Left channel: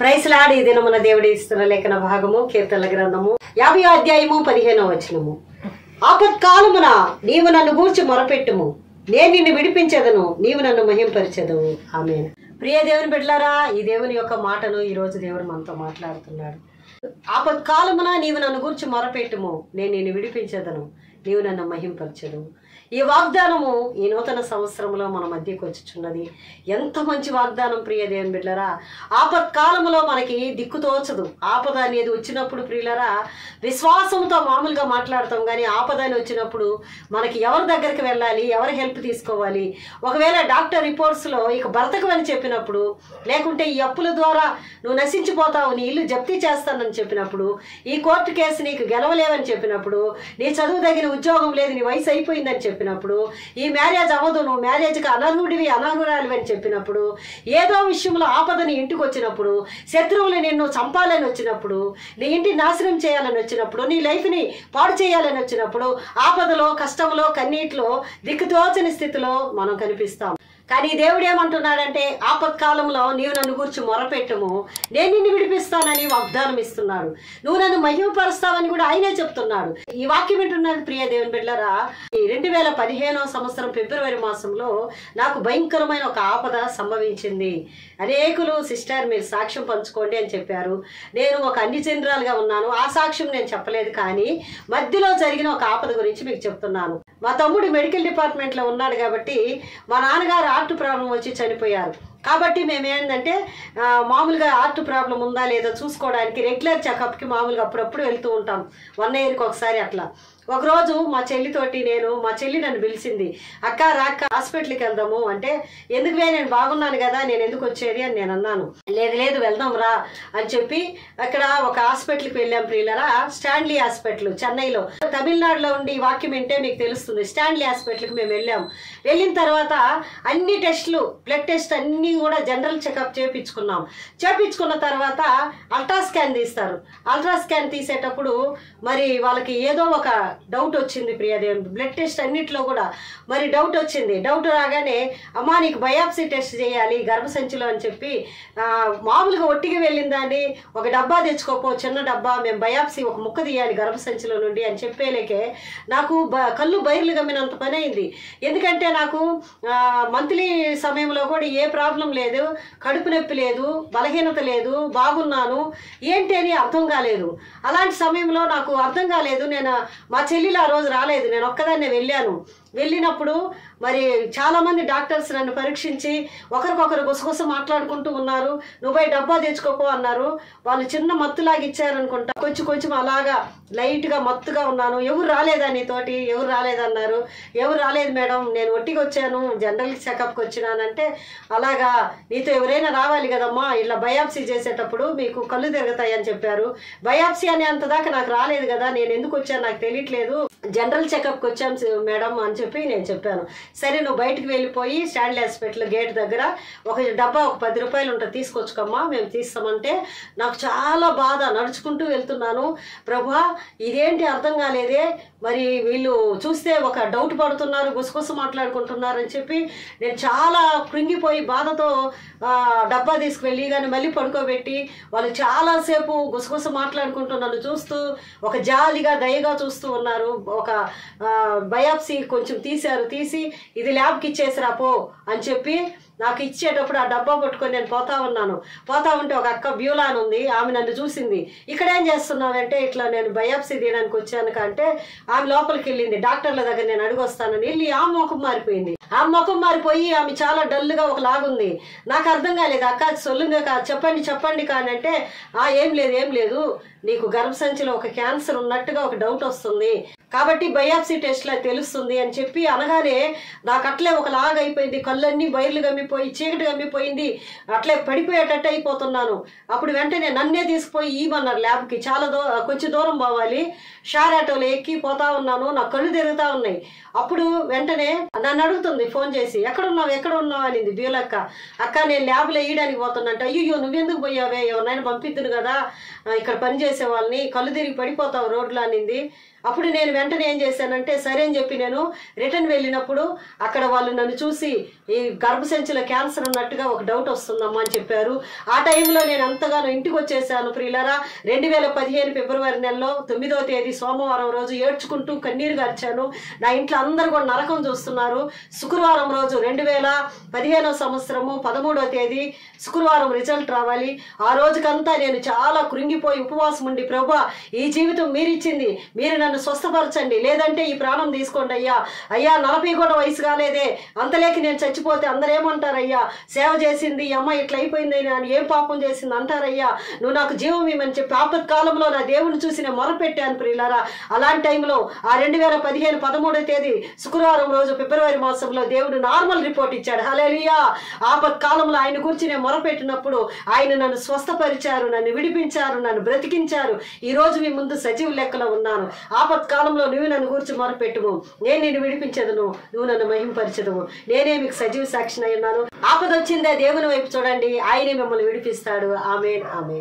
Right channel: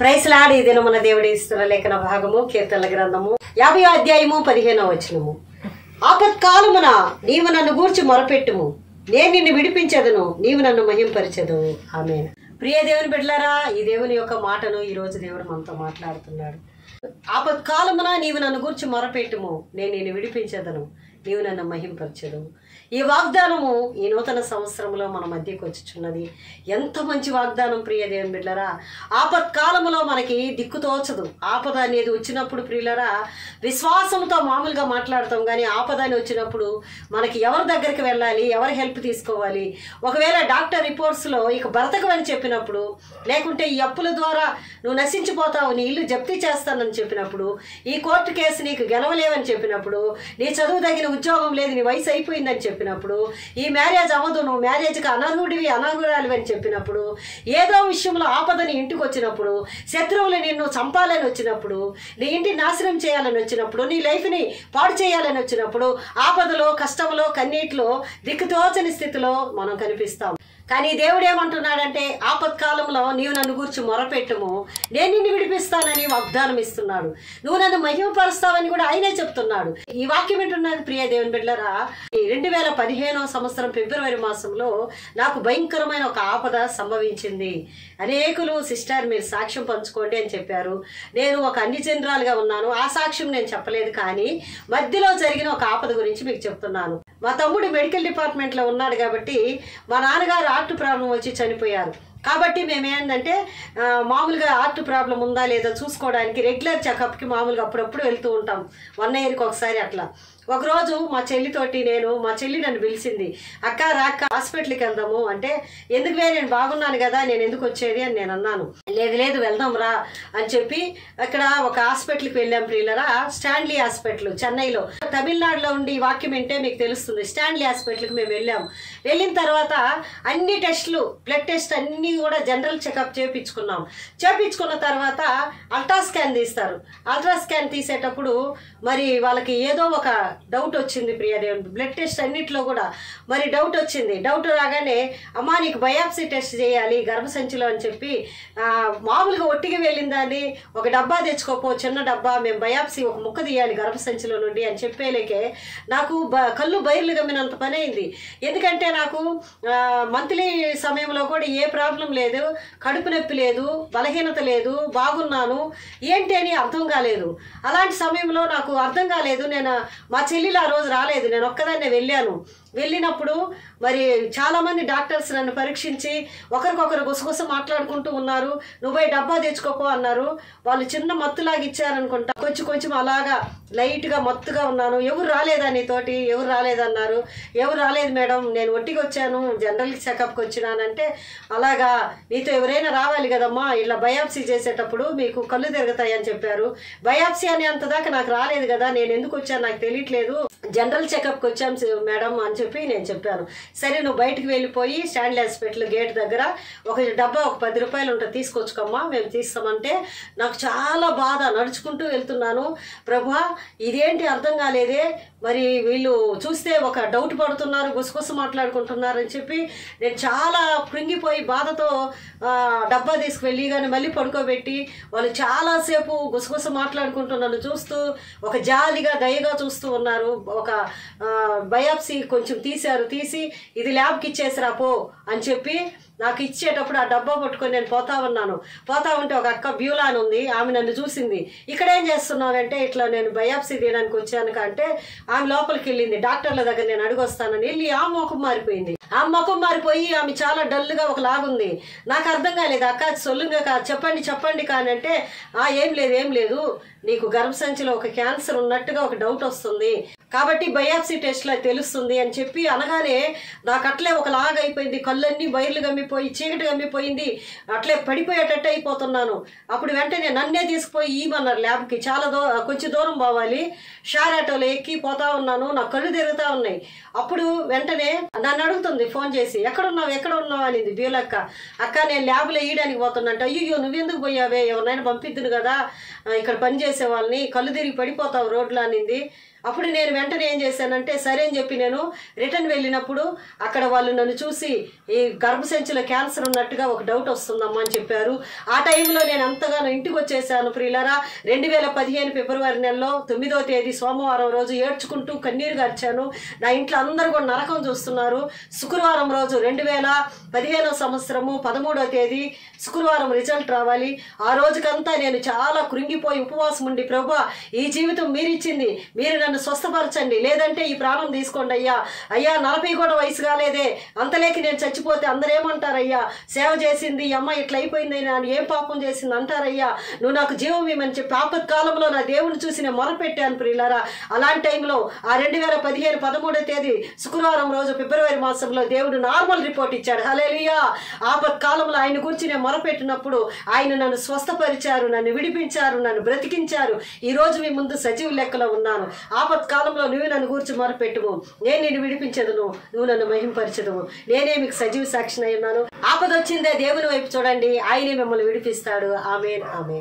Price lord. ఈ దినమున దేవుడి ఇస్తున్న లేఖన భాగము కీర్తనల గ్రంథము 50వ అధ్యాయము 15వ వచనము. ఆపత్కాలమున నీవు నన్ను గూర్చి మొరపెట్టుము, నేను నిన్ను విడిపించెదను, నీవు నన్ను మహింపరచెదవు. ఆమేన్. ప్రియ దేవుని బిడ్డలారా, ఈ దేవుని యొక్క మాటను ఈ రోజు దేవుడు మనతో మాట్లాడుతున్నాడు. ఆపత్కాలమున నీవు నన్ను గూర్చి మొరపెట్టుము, నేను నిన్ను విడిపించెదను, నీవు నన్ను మహింపరచెదవు. ఈ వాగ్దానము ఈ నూతన సంవత్సరంలో మన మధ్యకు వచ్చుచున్నది. ఎంత మంచి వాగ్దానం ప్రియ దేవుని బిడ్డలారా. ఆపత్కాలంలో మనకి దిక్కుతోచదు. ఆపద అనేది వచ్చినప్పుడు ప్రియులరా విశ్వాసంతో మామూలుగా మాట్లాడతాం, కానీ ఆపద అని వచ్చినప్పుడు మనకి ఎవరి దగ్గరికి వెళ్ళాలి, ఎవరి హెల్ప్ తీసుకోవాలి. ఒకవేళ డాక్టర్ రిపోర్ట్స్లో ఇక బ్రతకమని చెప్పినప్పుడు, లేకుంటే ఈ అప్పుల ద్వారా నువ్వు నశించిపోతావు, నీ ఇల్లు జప్తీ చేస్తానని చెప్పినప్పుడు, ఈ కోర్టు కేసు నీకు గెలవలేవని చెప్పినప్పుడు, నీ చదువు తగిన ఉద్యోగం లేదు, నీ వయసు అయిపోయిందని చెప్పినప్పుడు, ఈ మ్యారేజ్ అవ్వదు, నువ్వు మ్యారేజ్కి అనర్హుడివి అనర్హురాలివి అని చెప్పినప్పుడు, ఏదో విషయంలో ఆపదని ఇంటికి వచ్చినప్పుడు, శత్రువులు నిన్ను చంపాలని వచ్చినప్పుడు, నీ ఇంటి నాశనం చేయాలని వచ్చినప్పుడు, నీ లైఫ్ని పాడు చేయాలని వచ్చినప్పుడు, ఆపదలో కష్టంలో కన్నీటిలో దిక్కుతోచని స్థితిలో మనం కనిపిస్తాం. కానీ దేవుడు ఏమంటున్నాడంటే, ఆపత్కాలంలో నీవు నన్ను గూర్చి మొరపెట్టుము, నేను నిన్ను విడిపిస్తానని వాగ్దానం ఇస్తున్నాడు. నువ్వు నన్ను మహిమపరుస్తావని కూడా ఆయనే చెప్తున్నాడు. ఈ వాక్యం వింటున్నాడు ప్రియ దేవుని బిడ్డలారా. 2015వ సంవత్సరం ఫిబ్రవరి మాసంలో నాకు భయంకరమైన ఒక ఆపద సంభవించింది. అనేకులు సిస్టర్ మీరు సాక్ష్యం పంచుకోండి అని చెప్పారు. నేను ఒక అన్యజనరాలుగా ఉన్నాను. ఆ సాక్ష్యం నేను చెప్పలేదు, కానీ మధ్యలో జరిగిన ఒక ఆపద గురించి మీకు చెప్తున్నాను. మా తమ్ముడు మెడికల్ డిపార్ట్మెంట్లో ఉన్నాడు కాబట్టి, మా నాన్నగారు హార్ట్ ప్రాబ్లం వచ్చి చనిపోయారు. కాబట్టి మేమేంటంటే మామూలుగా హార్ట్ ప్రాబ్లం ఉందా లేదా చూసుకోవడానికి రెగ్యులర్ చెకప్కి మామూలుగా అప్పుడప్పుడు వెళ్తూ ఉంటాం, 1 ఇయర్కి ఒకసారి అట్లా. ఒకరోజు మా చెల్లి నన్ను పిలిచింది, అక్క రాక్క హాస్పిటల్కి వెళ్దాము అంటే, ఎందుకువే నేను బాగున్నాను కదా, నేను ఎందుకు వచ్చేది అని నేను అన్నాను. లేదు వెళ్దాం రా అని చెప్పి అక్కడ ఒక హాస్పిటల్కి వెళ్ళాం ప్రియులరా. స్టాన్లీ హాస్పిటల్ చెన్నైలో. తమిళనాడులో ఉండి ఈ వాక్యం వింటే మీకు తెలుస్తుంది. స్టాన్లీ హాస్పిటల్కి మేము వెళ్ళాం. వెళ్ళిన తర్వాత అన్ని టెస్టులు, బ్లడ్ టెస్ట్ అన్నీ కూడా జనరల్ చెకప్ చేపించుకున్న తర్వాత అల్ట్రాస్కాన్ తీస్తారు. అల్ట్రాస్కాన్ తీసేటప్పుడు మరి వాళ్ళకి ఏదో ఒక డౌట్ వచ్చింది ప్రియదేవుని. బ్లడ్ టెస్ట్ అన్నిట్లో కూడా మరి డౌట్ వచ్చింది. డౌట్ రాగానే అమ్మా నీకు బయాప్సీ టెస్ట్ చేయాలి గర్భసంచిలో అని చెప్పి, మామూలుగా ఒట్టికి వెళ్ళిందని ఒక డబ్బా తెచ్చుకోపో, చిన్న డబ్బా, మేము బయాప్సీ ఒక ముక్క తీయాలి గర్భసంచిలో నుండి అని చెప్పేలేకే నాకు కళ్ళు బైర్లు గమ్మినంత పని అయింది. ఎందుకంటే నాకు మంత్లీ సమయంలో కూడా ఏ ప్రాబ్లం లేదు, కడుపు నొప్పి లేదు, బలహీనత లేదు, బాగున్నాను, ఏంటి అని అర్థం కాలేదు. అలాంటి సమయంలో నాకు అర్థం కాలేదు. నేను మా చెల్లెలు ఆ రోజు రాలేదు, నేను ఒక్కదాన్నే వెళ్ళినప్పుడు మరి చాలామంది డాక్టర్స్ నన్ను పరీక్షించి ఒకరికొకరు గుసగుస మాట్లాడుకుంటూ ఉన్నారు. నువ్వే డబ్బా తెచ్చుకోపో అన్నారు. వాళ్ళు చిన్న మత్తులాగా ఇచ్చారనుకుంటా. కొంచెం అలాగా లైట్గా మత్తుగా ఉన్నాను. ఎవరు రాలేదా నీతోటి, ఎవరు రాలేదన్నారు. ఎవరు రాలేదు మేడం, నేను ఒట్టికి వచ్చాను, జనరల్ చెకప్కి వచ్చినానంటే, అలాగా నీతో ఎవరైనా రావాలి కదమ్మా, ఇలా బయాప్సీ చేసేటప్పుడు మీకు కళ్ళు తిరుగుతాయి అని చెప్పారు. బయాప్సీ అనే అంతదాకా నాకు రాలేదు కదా, నేను ఎందుకు వచ్చాను నాకు తెలియట్లేదు, జనరల్ చెకప్కి వచ్చాం మేడం అని చెప్పి నేను చెప్పాను. సరే నువ్వు బయటకు వెళ్ళిపోయి స్టాన్లీ హాస్పిటల్ గేట్ దగ్గర ఒక డబ్బా ఒక 10 రూపాయలు ఉంటుంది తీసుకోవచ్చుకమ్మా, మేము తీస్తామంటే నాకు చాలా బాధ. నడుచుకుంటూ వెళ్తున్నాను, ప్రభా ఇదేంటి అర్థం కాలేదే, మరి వీళ్ళు చూస్తే ఒక డౌట్ పడుతున్నారు, గుసగుస మాట్లాడుకుంటున్నారు అని చెప్పి నేను చాలా కృంగిపోయి బాధతో డబ్బా తీసుకువెళ్ళి కానీ మళ్ళీ పడుకోబెట్టి వాళ్ళు చాలాసేపు గుసగుస మాట్లాడుకుంటూ నన్ను చూస్తూ ఒక జాలిగా దయగా చూస్తూ ఉన్నారు. ఒక బయాప్సీ కొంచెం తీసి ఇది ల్యాబ్కి ఇచ్చేసిరా పో అని చెప్పి నాకు ఇచ్చేటప్పుడు ఆ డబ్బా పట్టుకొని నేను పోతా ఉంటే ఒక అక్క బ్యూలా అని ఉంది, ఆమె నన్ను చూసింది. ఇక్కడేం చేస్తున్నావంటే, ఇట్లా నేను బయాప్సీ తీయడానికి వచ్చాను అంటే, ఆమె లోపలికి వెళ్ళింది. డాక్టర్ల దగ్గర నేను అడుగొస్తానని వెళ్ళి ఆ ముఖం మారిపోయింది. ఆ ముఖం మారిపోయి ఆమె చాలా డల్గా ఒకలాగుంది. నాకు అర్థం కాలేదు. అక్క సొల్లుగా చెప్పండి కానీ అంటే, ఏం లేదు నీకు గర్భసంచిలో ఒక క్యాన్సర్ ఉన్నట్టుగా ఒక డౌట్ వస్తుంది, కాబట్టి బయాప్సీ టెస్ట్లో తెలుస్తుంది అని చెప్పి అనగానే నాకు అట్లే ఒకలాగా అయిపోయింది. కళ్ళన్నీ బయర్లు గమ్మిపోయి చీకటి గమ్మిపోయింది, అట్లే పడిపోయేటట్టు అయిపోతున్నాను. అప్పుడు వెంటనే నన్నే తీసుకుపోయి ఇవ్వమన్నారు ల్యాబ్కి. కొంచెం దూరం పోవాలి, షార్ ఆటోలో ఎక్కి పోతా ఉన్నాను, నాకు కళ్ళు తిరుగుతా ఉన్నాయి. అప్పుడు వెంటనే నన్ను అడుగుతుంది ఫోన్ చేసి, ఎక్కడున్నావు అనింది బ్యూలక్క. అక్క నేను ల్యాబ్లో వేయడానికి పోతున్నంటే, అయ్యో నువ్వెందుకు పోయావే, ఎవరినైనా పంపిద్దును కదా ఇక్కడ పని చేసే వాళ్ళని, కళ్ళు తిరిగి పడిపోతావు రోడ్లో అనింది. అప్పుడు నేను వెంటనే ఏం చేశానంటే సరే అని చెప్పి నేను రిటర్న్ వెళ్ళినప్పుడు అక్కడ వాళ్ళు నన్ను చూసి ఈ గర్భసంచిలో క్యాన్సర్ ఉన్నట్టుగా ఒక డౌట్ వస్తుందమ్మా అని చెప్పారు. ఆ టైంలో నేను ఎంతగానో ఇంటికి వచ్చేసాను ప్రియులారా. 2015 ఫిబ్రవరి నెలలో 9వ తేదీ సోమవారం రోజు ఏడ్చుకుంటూ కన్నీరు గార్చాను. నా ఇంట్లో అందరూ కూడా నరకం చూస్తున్నారు. శుక్రవారం రోజు 2015 సంవత్సరము 13వ తేదీ శుక్రవారం రిజల్ట్ రావాలి. ఆ రోజుకంతా నేను చాలా కృంగిపోయి ఉపవాసం ఉండి ప్రభువా ఈ జీవితం మీరిచ్చింది, మీరు నన్ను స్వస్థపరచండి, లేదంటే ఈ ప్రాణం తీసుకోండి అయ్యా. అయ్యా 40 కూడా వయసు కాలేదే, అంతలేకి నేను చచ్చిపోతే అందరూ ఏమంటారయ్యా, సేవ చేసింది ఈ అమ్మ ఇట్లా అయిపోయింది, నేను ఏం పాపం చేసింది అంటారయ్యా, నువ్వు నాకు జీవం ఇవ్వమని చెప్పి ఆపత్కాలంలో నా దేవుని చూసి నేను మొరపెట్టాను ప్రియులారా. అలాంటి టైంలో ఆ 2015 13వ తేదీ శుక్రవారం రోజు ఫిబ్రవరి మాసంలో దేవుడు నార్మల్ రిపోర్ట్ ఇచ్చాడు. హల్లెలూయా. ఆపత్కాలంలో ఆయన గురించి నేను మొరపెట్టినప్పుడు ఆయన నన్ను స్వస్థపరిచారు, నన్ను విడిపించారు, నన్ను బ్రతికించారు. ఈ రోజు మీ ముందు సజీవ లెక్కలో ఉన్నాను. ఆపత్కాలంలో నువ్వు నన్ను గురించి మొరపెట్టుము, నేను నిన్ను విడిపించదును, నువ్వు నన్ను మహింపరచదువు. నేనే మీకు సజీవ సాక్షిని అయి ఉన్నాను. ఆపద వచ్చిందే దేవుని వైపు చూడండి, ఆయనే మిమ్మల్ని విడిపిస్తాడు. ఆమేన్, ఆమేన్.